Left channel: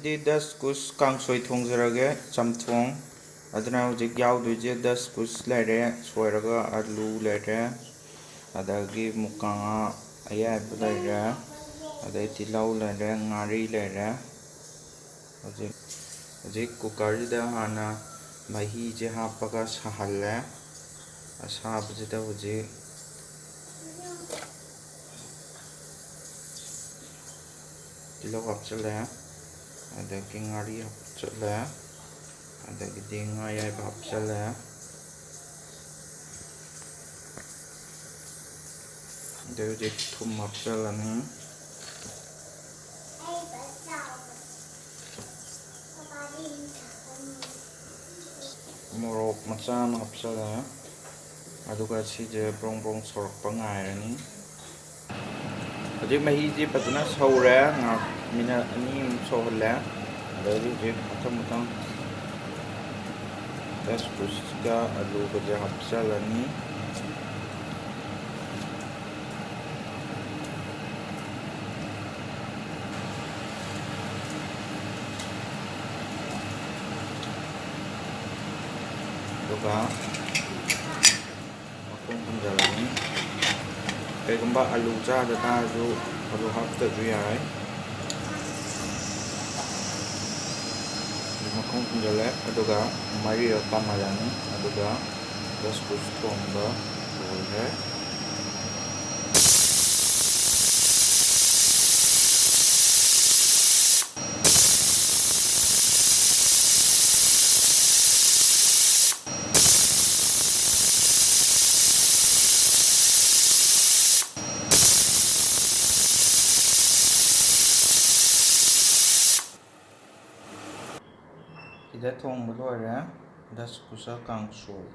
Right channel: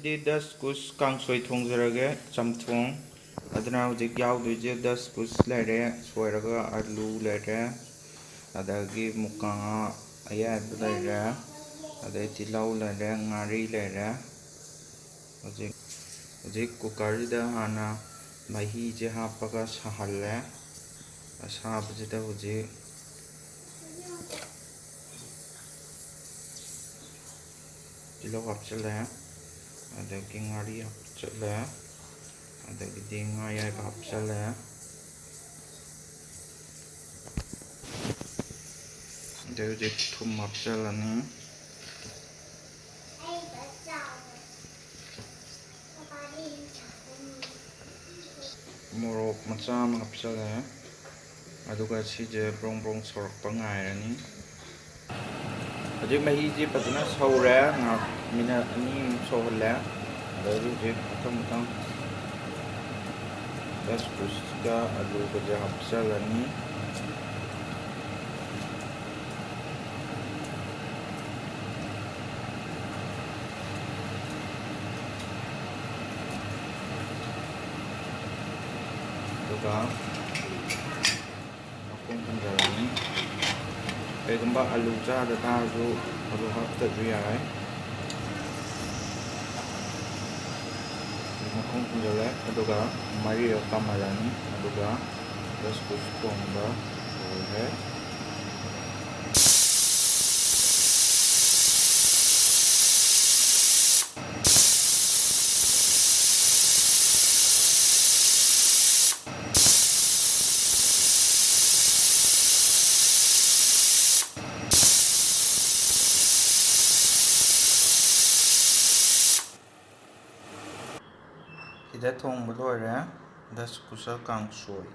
दस कुछ कांगसोई थोंजरगे चमथोंग अदना हुजिक याउदुजे दस कुछ लेरे सोयरगा आलू लेरे अदगी मुकांगा अयाब लेरे अदे तिलाउ लेरे ngari लेरे हुजिक हुजिक कुकरजिदा हाना महीजे हापगा साहल्ले असाबजिदा हुजिक तिलाउ हापचले अदगी ngari हापचले अदगी nga याब हापचले हुजिक थुम हापचलनी मोरok macha ama hapchale aduga sije brong brong sorakpa ngairani hojik mahi ji fazana saure nga minute ani muk sohlle adai hojik mathang mathang daskus ga alu ga hapchalani aduga akong punjalani kaigamba alu chada taru alu haptaju yai makong punjale aduga mari kamalani aduga daskus thongba loire Ida thong loire das kusa kangsoi